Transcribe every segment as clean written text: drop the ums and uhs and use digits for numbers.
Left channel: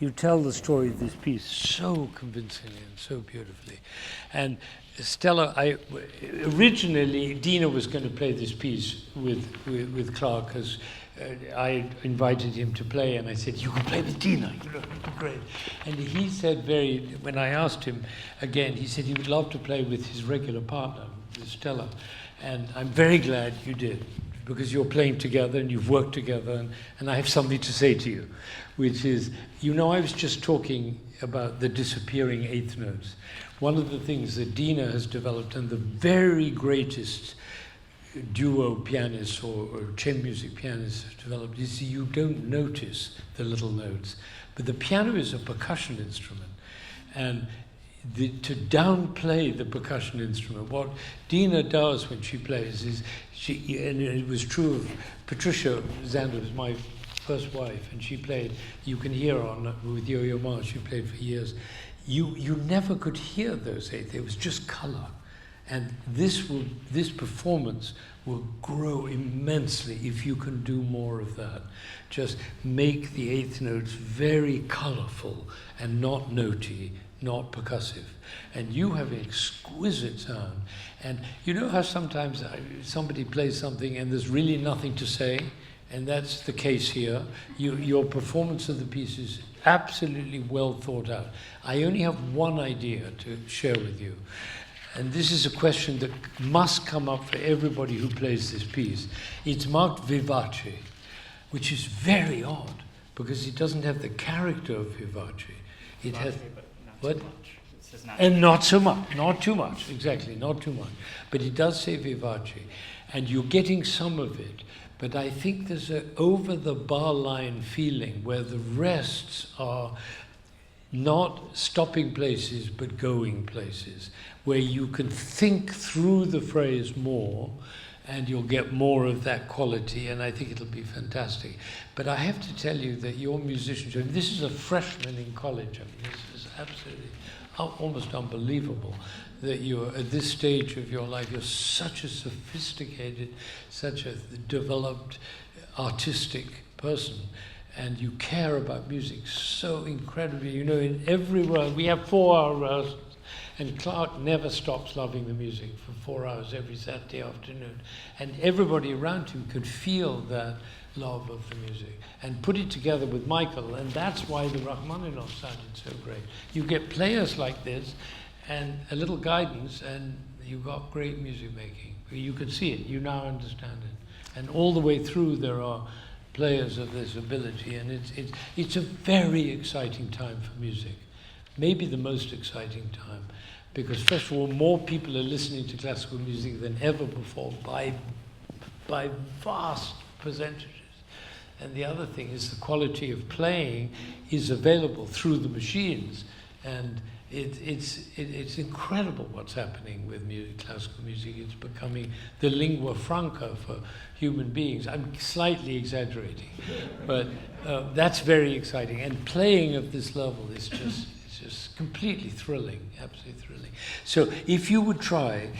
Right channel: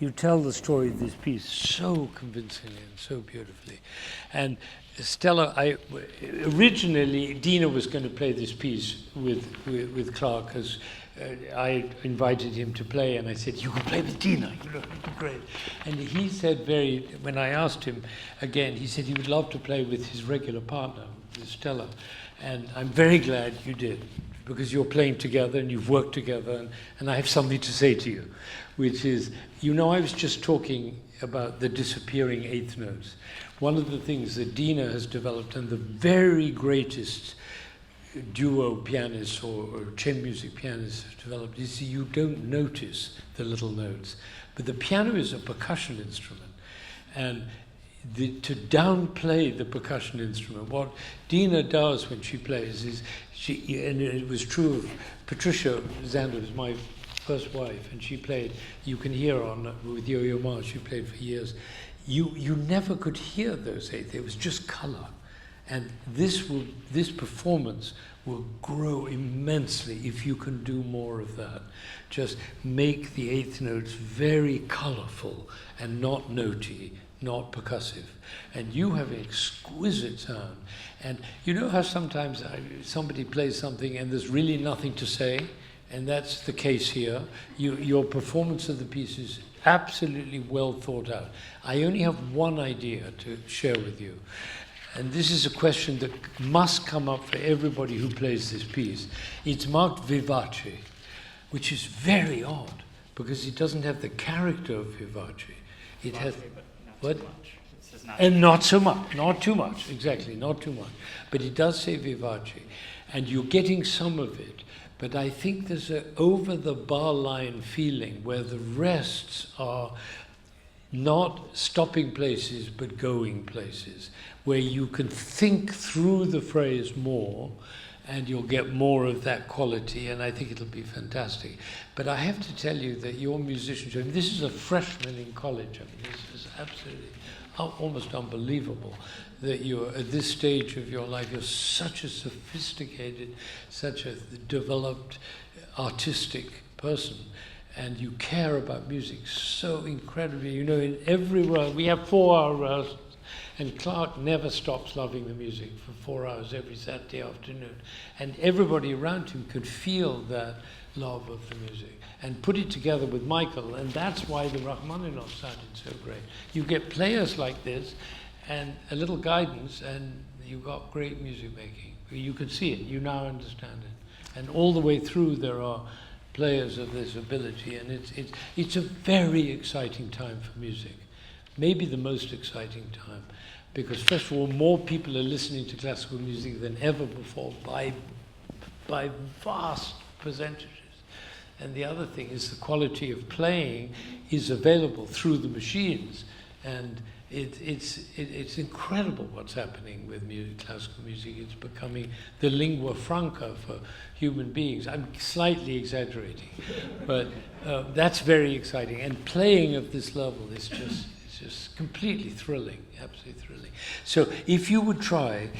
You tell the story of this piece so convincingly and so beautifully. And Stella, originally Dina was going to play this piece with Clark, because I invited him to play, and I said, "You can play with Dina, you know, it'd be great." And he said when I asked him again, he said he would love to play with his regular partner, with Stella. And I'm very glad you did, because you're playing together and you've worked together, and I have something to say to you, which is, I was just talking about the disappearing eighth notes. One of the things that Dina has developed, and the very greatest duo pianists or chamber music pianists have developed, is you don't notice the little notes. But the piano is a percussion instrument, and to downplay the percussion instrument, what Dina does when she plays is, and it was true of Patricia Zander, was my first wife, and she played, you can hear with Yo-Yo Ma, she played for years. You never could hear those eighths, it was just color. And this performance will grow immensely if you can do more of that. Just make the eighth notes very colorful and not notey, not percussive. And you have an exquisite sound. And you know how sometimes somebody plays something and there's really nothing to say? And that's the case here. Your performance of the piece is absolutely well thought out. I only have one idea to share with you. And this is a question that must come up for everybody who plays this piece. It's marked vivace, which is very odd, because it doesn't have the character of vivace. It has, but not what? too much. It says not And not so much, not too much, exactly, not too much. But it does say vivace, and you're getting some of it. But I think there's an over-the-bar line feeling where the rests are not stopping places, but going places, where you can think through the phrase more, and you'll get more of that quality, and I think it'll be fantastic. But I have to tell you that your musicianship, I mean, this is a freshman in college, I mean, this is absolutely almost unbelievable that you're at this stage of your life, you're such a sophisticated, such a developed artistic person, and you care about music so incredibly. You know, in everywhere, we have 4-hour rehearsals, and Clark never stops loving the music for 4 hours every Saturday afternoon. And everybody around him could feel that love of the music and put it together with Michael, and that's why the Rachmaninoff sounded so great. You get players like this and a little guidance, and you got great music making. You can see it, you now understand it. And all the way through there are players of this ability, and it's a very exciting time for music. Maybe the most exciting time, because first of all, more people are listening to classical music than ever before by vast percentages. And the other thing is the quality of playing is available through the machines, and it's incredible what's happening with classical music. It's becoming the lingua franca for human beings. I'm slightly exaggerating, but that's very exciting. And playing at this level is just completely thrilling, absolutely thrilling. So if you would try,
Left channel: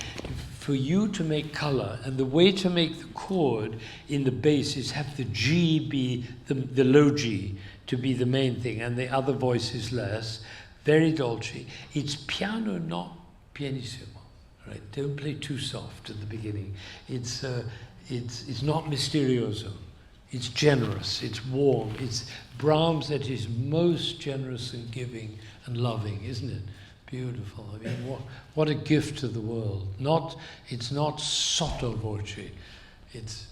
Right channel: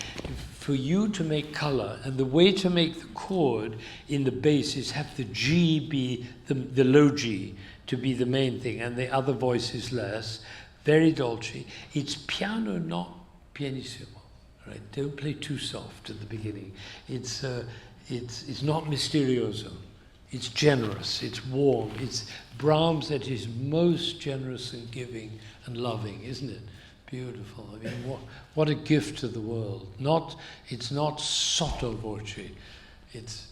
for you to make color, and the way to make the chord in the bass is have the G be the low G to be the main thing, and the other voice is less, very dolce. It's piano, not pianissimo, right? Don't play too soft at the beginning. It's not misterioso. It's generous, it's warm. It's Brahms at his most generous and giving and loving, isn't it? Beautiful. I mean, what a gift to the world. It's not sotto voce, it's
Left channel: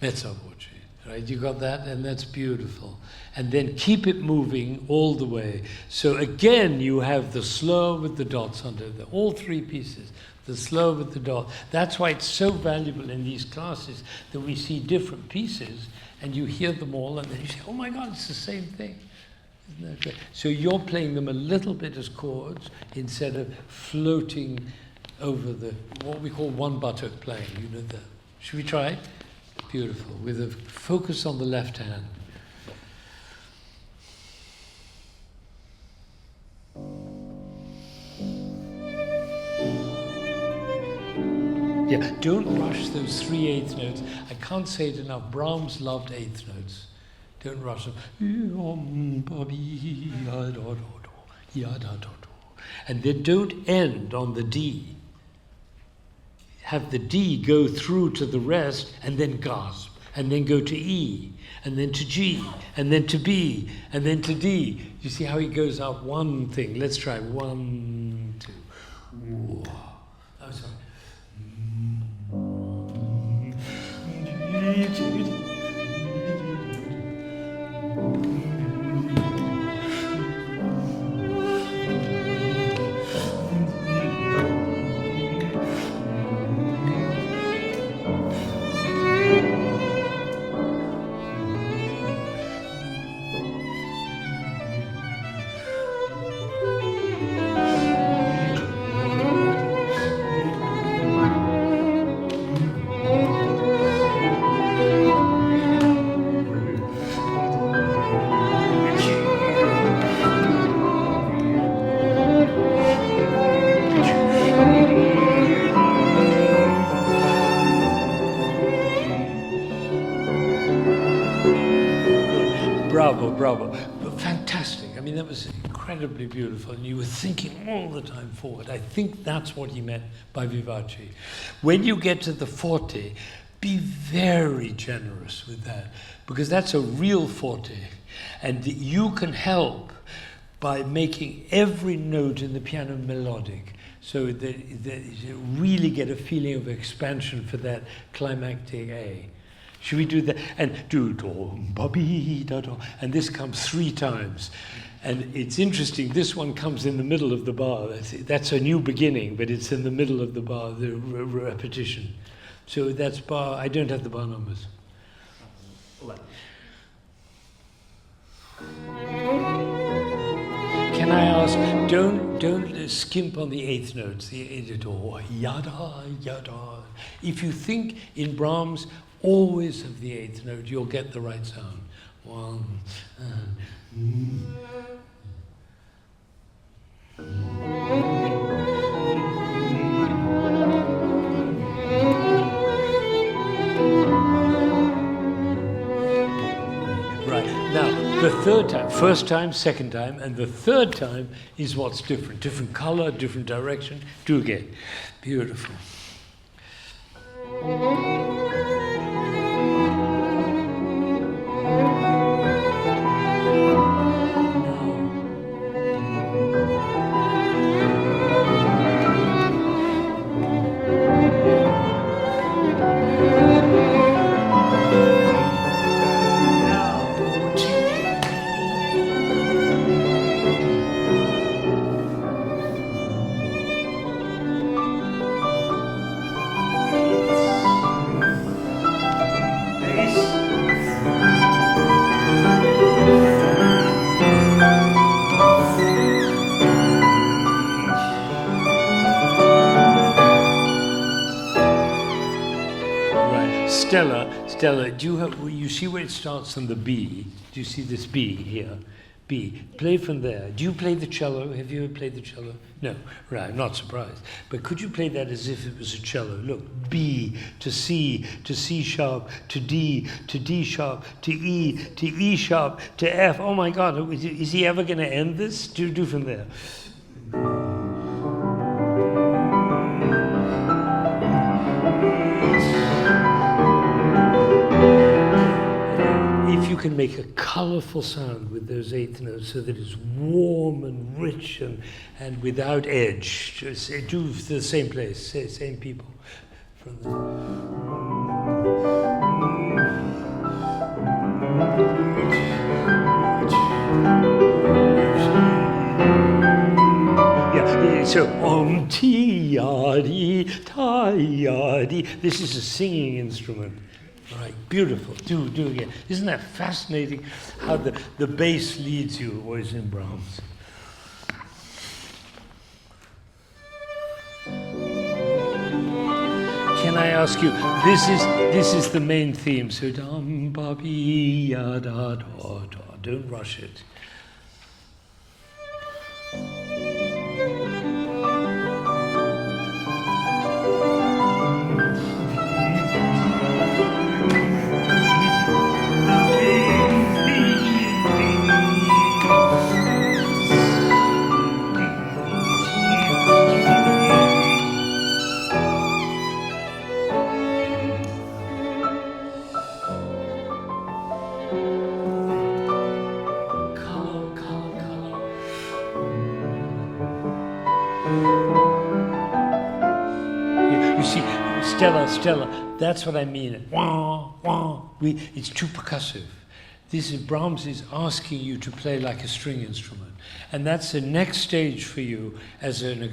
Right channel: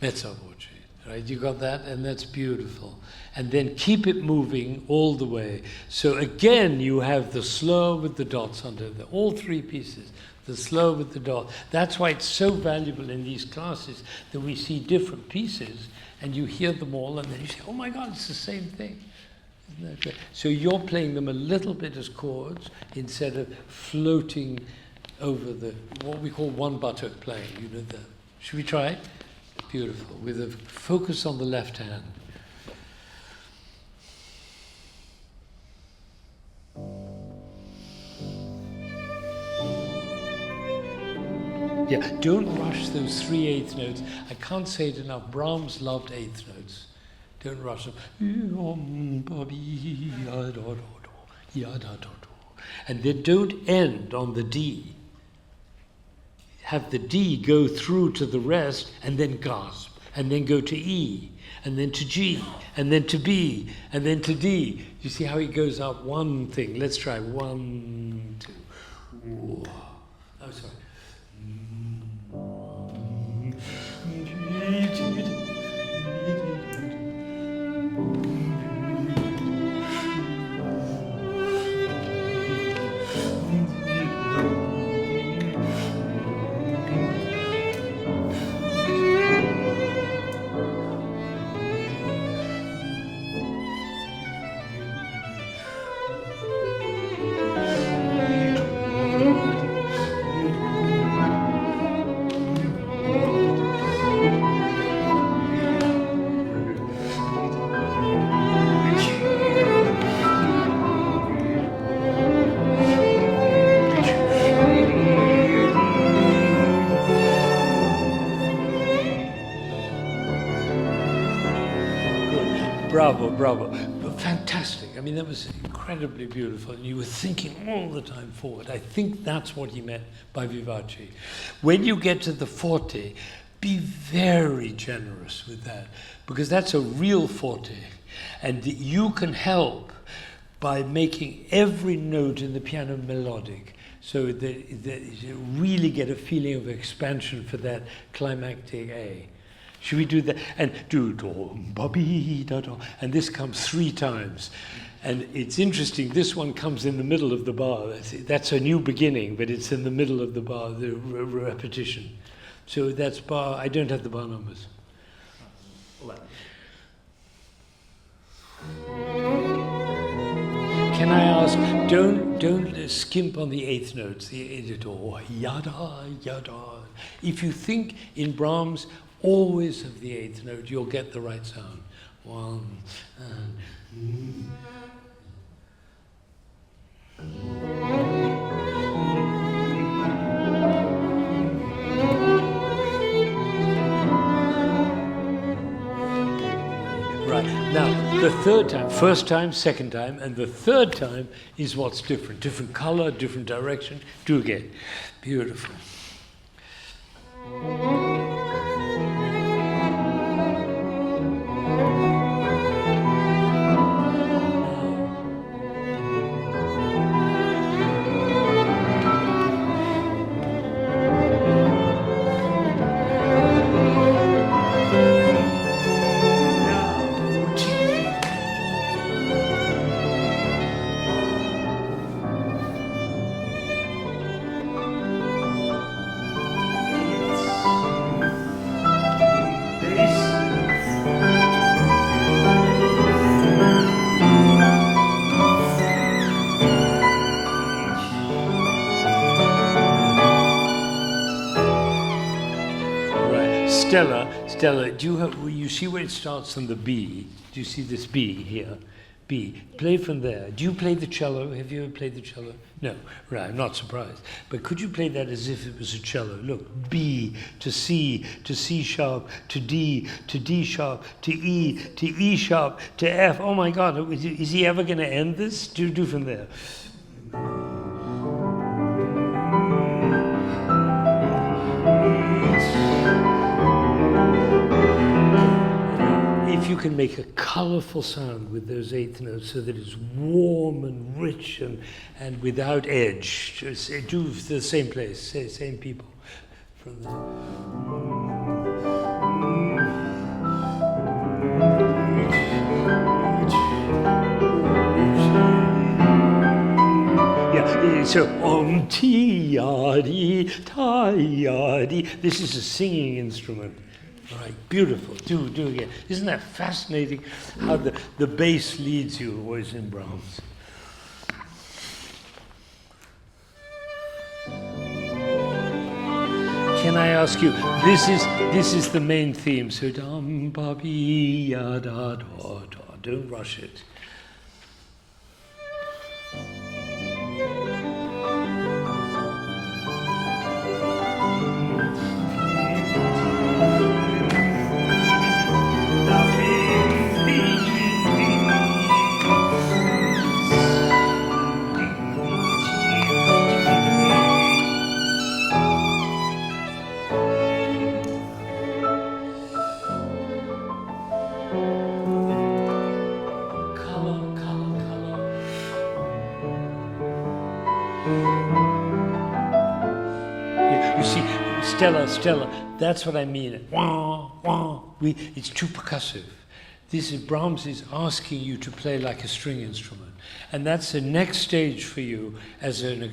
mezzo voce. Right, you got that? And that's beautiful. And then keep it moving all the way. So again, you have the slow with the dots under all three pieces. The slow with the dot. That's why it's so valuable in these classes that we see different pieces and you hear them all and then you say, oh my God, it's the same thing. Isn't that great? So you're playing them a little bit as chords instead of floating over what we call one buttock playing. You know that. Should we try? Beautiful, with a focus on the left hand. Yeah, don't rush those 3 eighth notes. I can't say it enough. Brahms loved eighth notes. Don't rush them. And then don't end on the D. Have the D go through to the rest and then gasp, and then go to E, and then to G, and then to B, and then to D. You see how he goes up one thing. Let's try 1, 2. Oh, sorry. Bravo, bravo. Fantastic. I mean, that was incredibly beautiful, and you were thinking all the time forward. I think that's what he meant by vivace. When you get to the forte, be very generous with that, because that's a real forte, and you can help by making every note in the piano melodic, so that you really get a feeling of expansion for that climactic A. Should we do that? And do do ba bi da do, and this comes 3 times. And it's interesting, this one comes in the middle of the bar. That's a new beginning, but it's in the middle of the bar, the repetition. So that's bar, I don't have the bar numbers. 11. Can I ask, don't skimp on the 8th notes, the do, yada, yada. If you think in Brahms, always of the 8th note, you'll get the right sound. 1, Right, now the 3rd time, first time, 2nd time, and the 3rd time is what's different. Different color, different direction. Do again. Beautiful. Stella, you see where it starts on the B? Do you see this B here? B. Play from there. Do you play the cello? Have you ever played the cello? No. Right, I'm not surprised. But could you play that as if it was a cello? Look, B to C sharp, to D sharp, to E sharp, to F. Oh my God, is he ever going to end this? Do from there. If you can make a colorful sound with those 8th notes so that it's warm and rich and without edge, just do the same place, same people. From the yeah, so ti yadi ta yadi. This is a singing instrument. All right, beautiful. Do again. Isn't that fascinating how the bass leads you always in Brahms? Can I ask you, this is the main theme, so dum ba bi ya da da da. Don't rush it. You see, Stella, that's what I mean. Wah, wah. It's too percussive. This is Brahms is asking you to play like a string instrument. And that's the next stage for you as a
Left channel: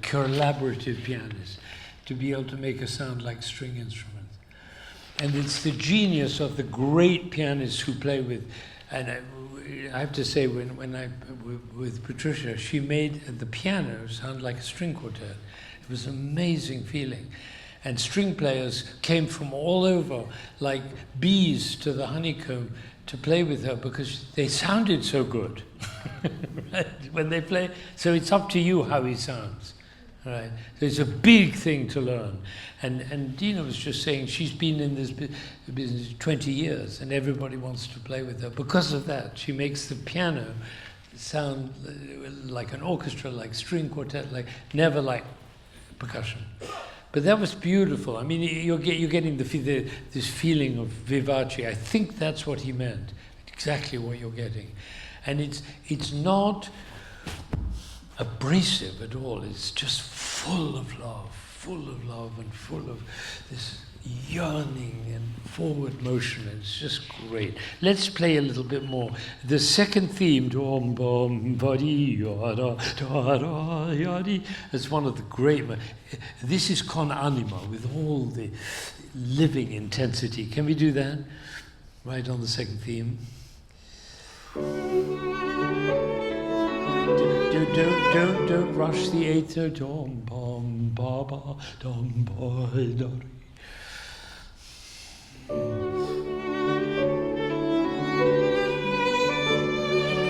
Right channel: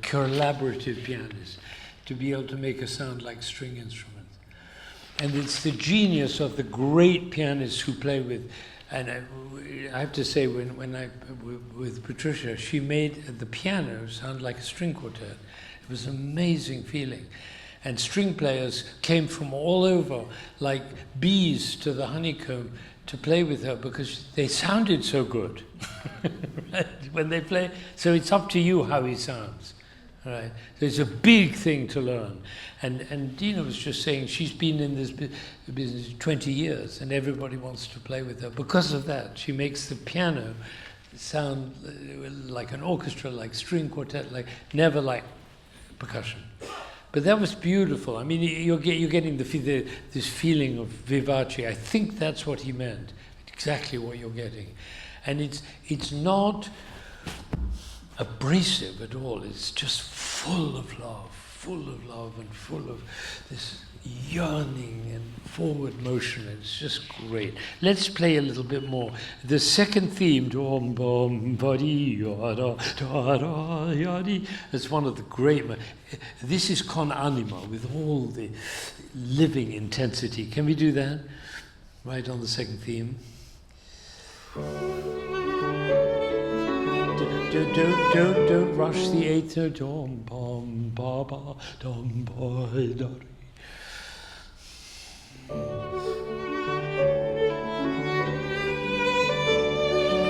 collaborative pianist, to be able to make a sound like string instruments. And it's the genius of the great pianists who play with, and I have to say, with Patricia, she made the piano sound like a string quartet. It was an amazing feeling. And string players came from all over, like bees to the honeycomb, to play with her because they sounded so good right? When they play. So it's up to you how he sounds. Right? So it's a big thing to learn. And Dina was just saying she's been in this business 20 years and everybody wants to play with her. Because of that, she makes the piano sound like an orchestra, like string quartet, like never like percussion. But that was beautiful. I mean, you're getting this feeling of vivace. I think that's what he meant. Exactly what you're getting, and it's not abrasive at all. It's just full of love, and full of this yearning and forward motion. It's just great. Let's play a little bit more. The second theme, is one of the great. This is con anima with all the living intensity. Can we do that? Right on the second theme. Don't rush the eighth note. Dom, bom, ba, ba, dom, boy, da, re.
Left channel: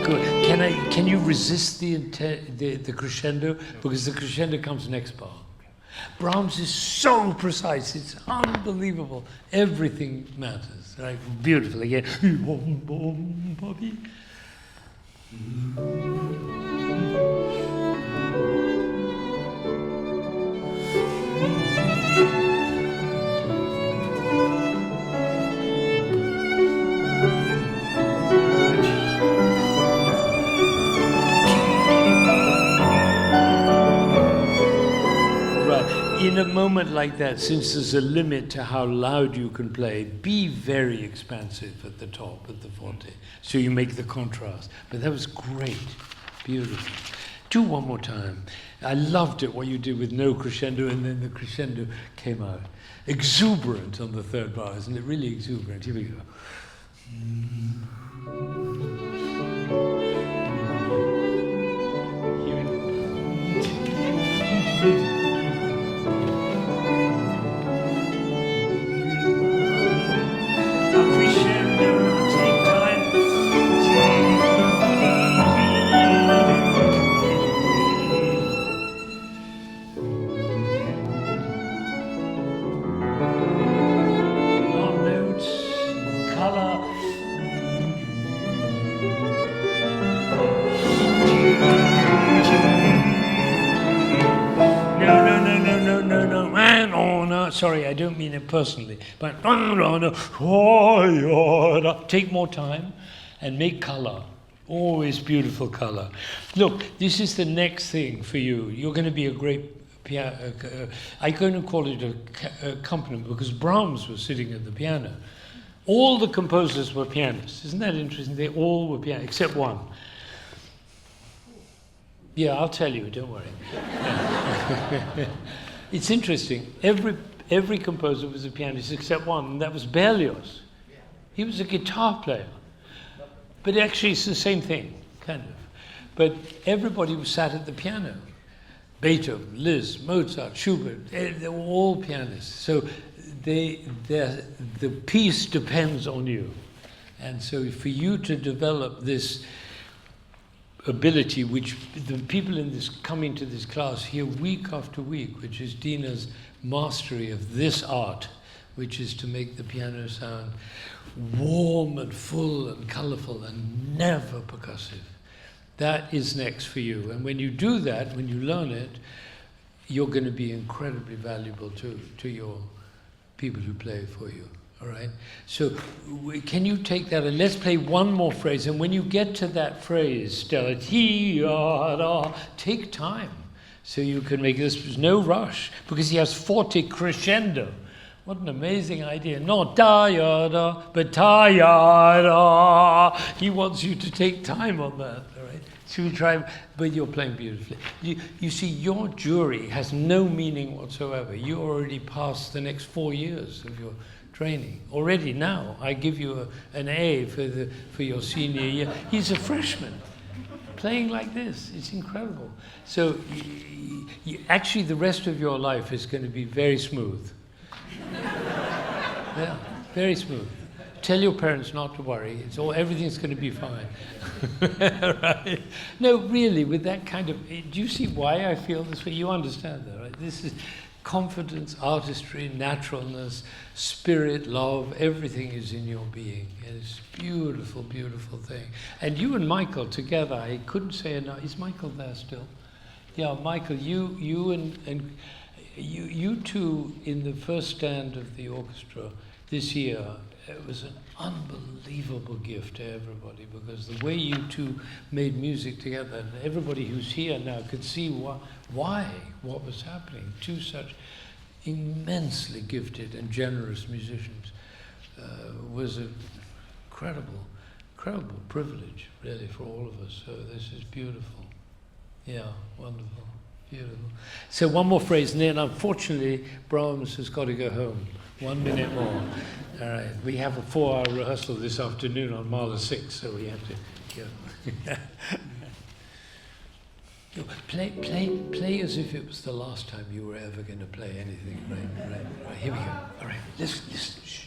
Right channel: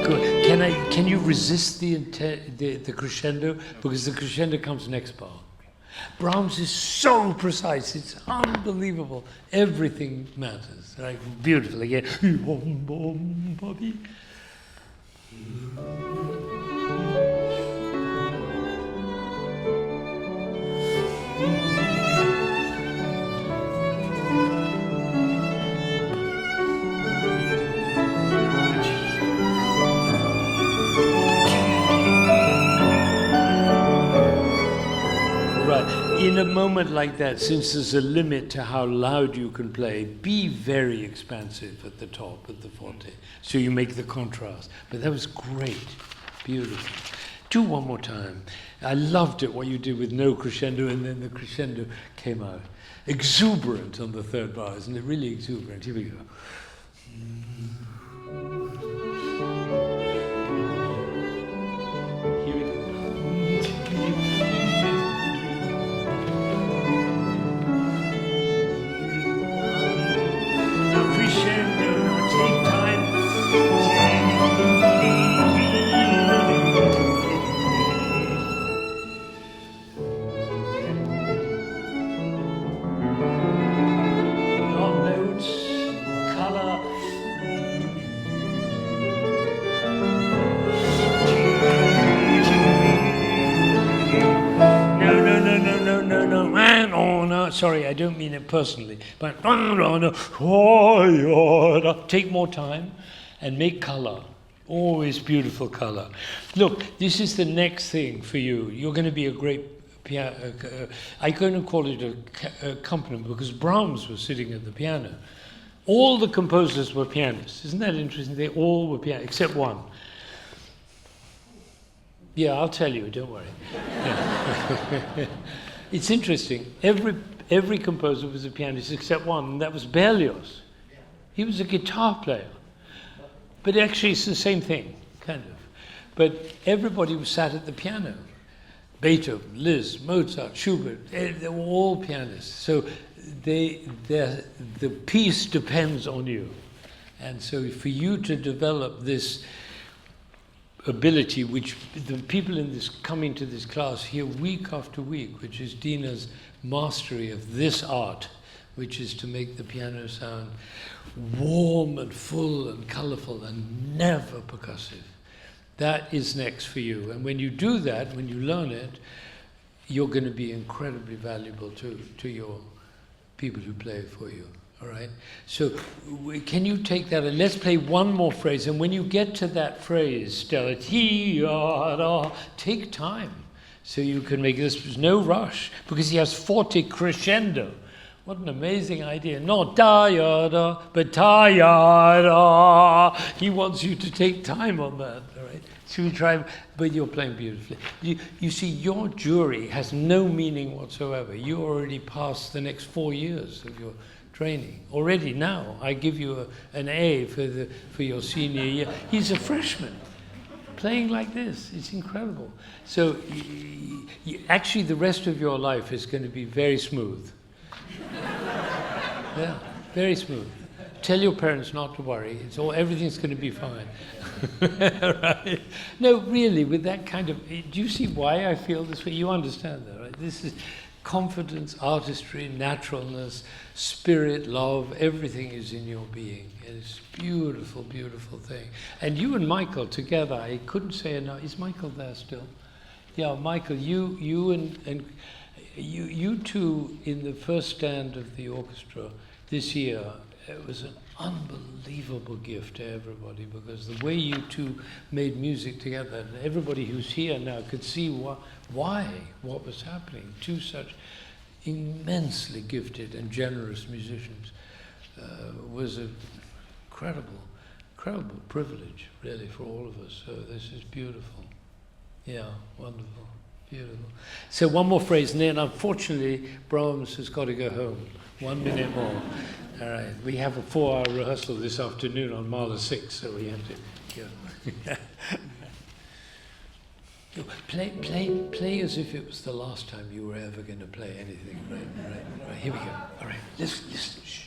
Good. Can you resist the crescendo? Because the crescendo comes next bar. Brahms is so precise, it's unbelievable. Everything matters. Right? Beautiful again. In a moment like that, since there's a limit to how loud you can play, be very expansive at the top, at the forte, so you make the contrast. But that was great, beautiful. Do one more time. I loved it, what you did with no crescendo, and then the crescendo came out. Exuberant on the third bar, isn't it? Really exuberant. Here we go. Here we go. Crescendo, now take time. Not notes, color. No, sorry, I don't mean it personally, but take more time and make color. Always beautiful color. Look, this is the next thing for you. You're going to be a great piano. I'm going to call it a accompaniment because Brahms was sitting at the piano. All the composers were pianists. Isn't that interesting? They all were pianists, except one. Yeah, I'll tell you, don't worry. Yeah. It's interesting. Every composer was a pianist except one, and that was Berlioz. He was a guitar player. But actually it's the same thing, kind of. But everybody was sat at the piano. Beethoven, Liszt, Mozart, Schubert, they were all pianists. So the piece depends on you. And so for you to develop this ability, which the people in this coming to this class hear week after week, which is Dina's mastery of this art, which is to make the piano sound warm and full and colorful and never percussive. That is next for you. And when you do that, when you learn it, you're going to be incredibly valuable to your people who play for you. All right? So can you take that and let's play one more phrase. And when you get to that phrase, Stella, take time so you can make this. There's no rush because he has forte crescendo. What an amazing idea. Not da-ya-da, but ta-ya-da. He wants you to take time on that. All right? Should we try? But you're playing beautifully. You see, your jury has no meaning whatsoever. You already passed the next 4 years of your training already. Now I give you an A for your senior year. He's a freshman playing like this. It's incredible. So actually the rest of your life is going to be very smooth. Yeah, very smooth. Tell your parents not to worry. Everything's going to be fine. Right? No, really, with that kind of. Do you see why I feel this way? You understand that, right? confidence, artistry, naturalness, spirit, love, everything is in your being. It's a beautiful, beautiful thing. And you and Michael together, I couldn't say enough. Is Michael there still? Yeah, Michael, you two in the first stand of the orchestra this year, it was an unbelievable gift to everybody, because the way you two made music together, and everybody who's here now could see what was happening. Two such immensely gifted and generous musicians was an incredible privilege, really, for all of us. So this is beautiful. Yeah, wonderful, beautiful. So one more phrase, and then unfortunately Brahms has got to go home. 1 minute more. All right, we have a 4-hour rehearsal this afternoon on Mahler 6, so we have to go. Play as if it was the last time you were ever going to play anything. Right. Here we go. All right, listen. Shh.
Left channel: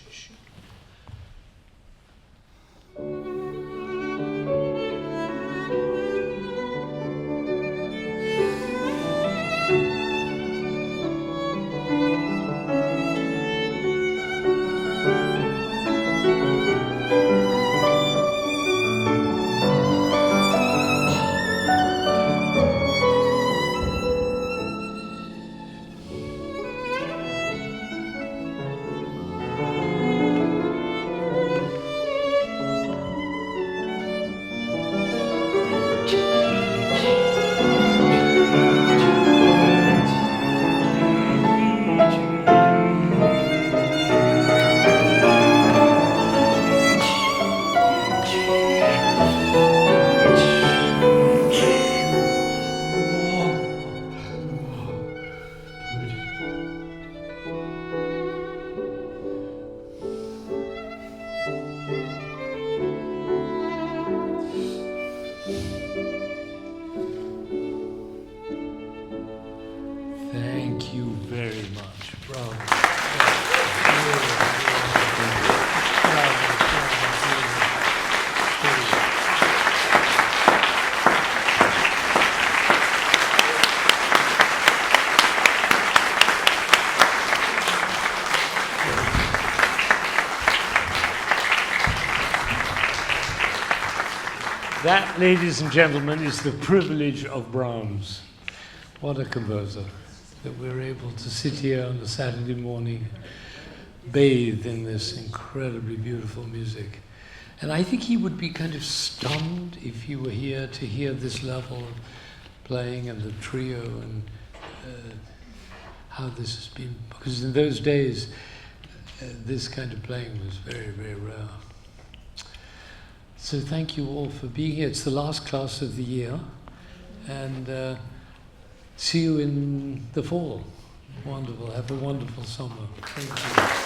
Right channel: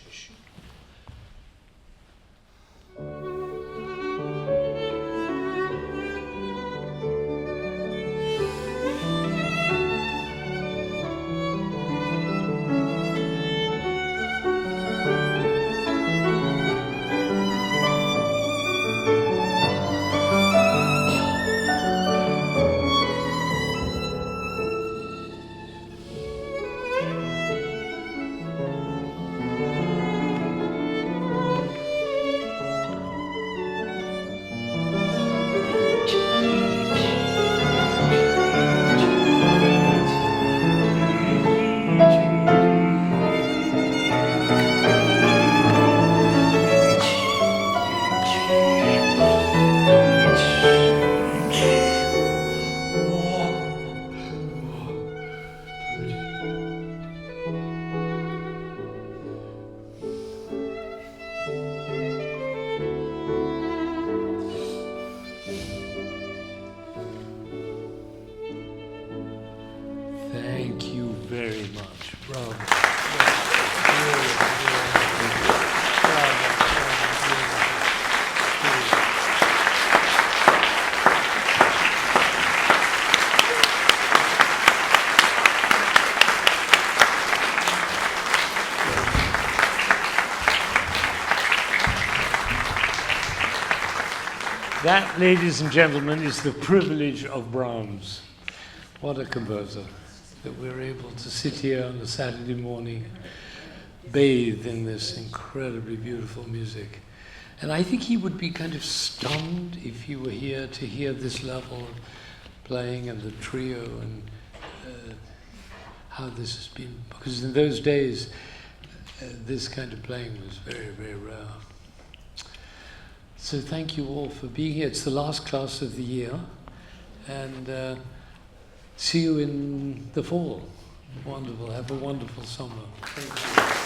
Thank you very much. Bravo. That, ladies and gentlemen, is the privilege of Brahms. What a composer, that we're able to sit here on a Saturday morning, bathed in this incredibly beautiful music. And I think he would be kind of stunned if he were here to hear this level of playing and the trio and how this has been. Because in those days, this kind of playing was very, very rare. So thank you all for being here. It's the last class of the year. And see you in the fall. Wonderful. Have a wonderful summer. Thank you.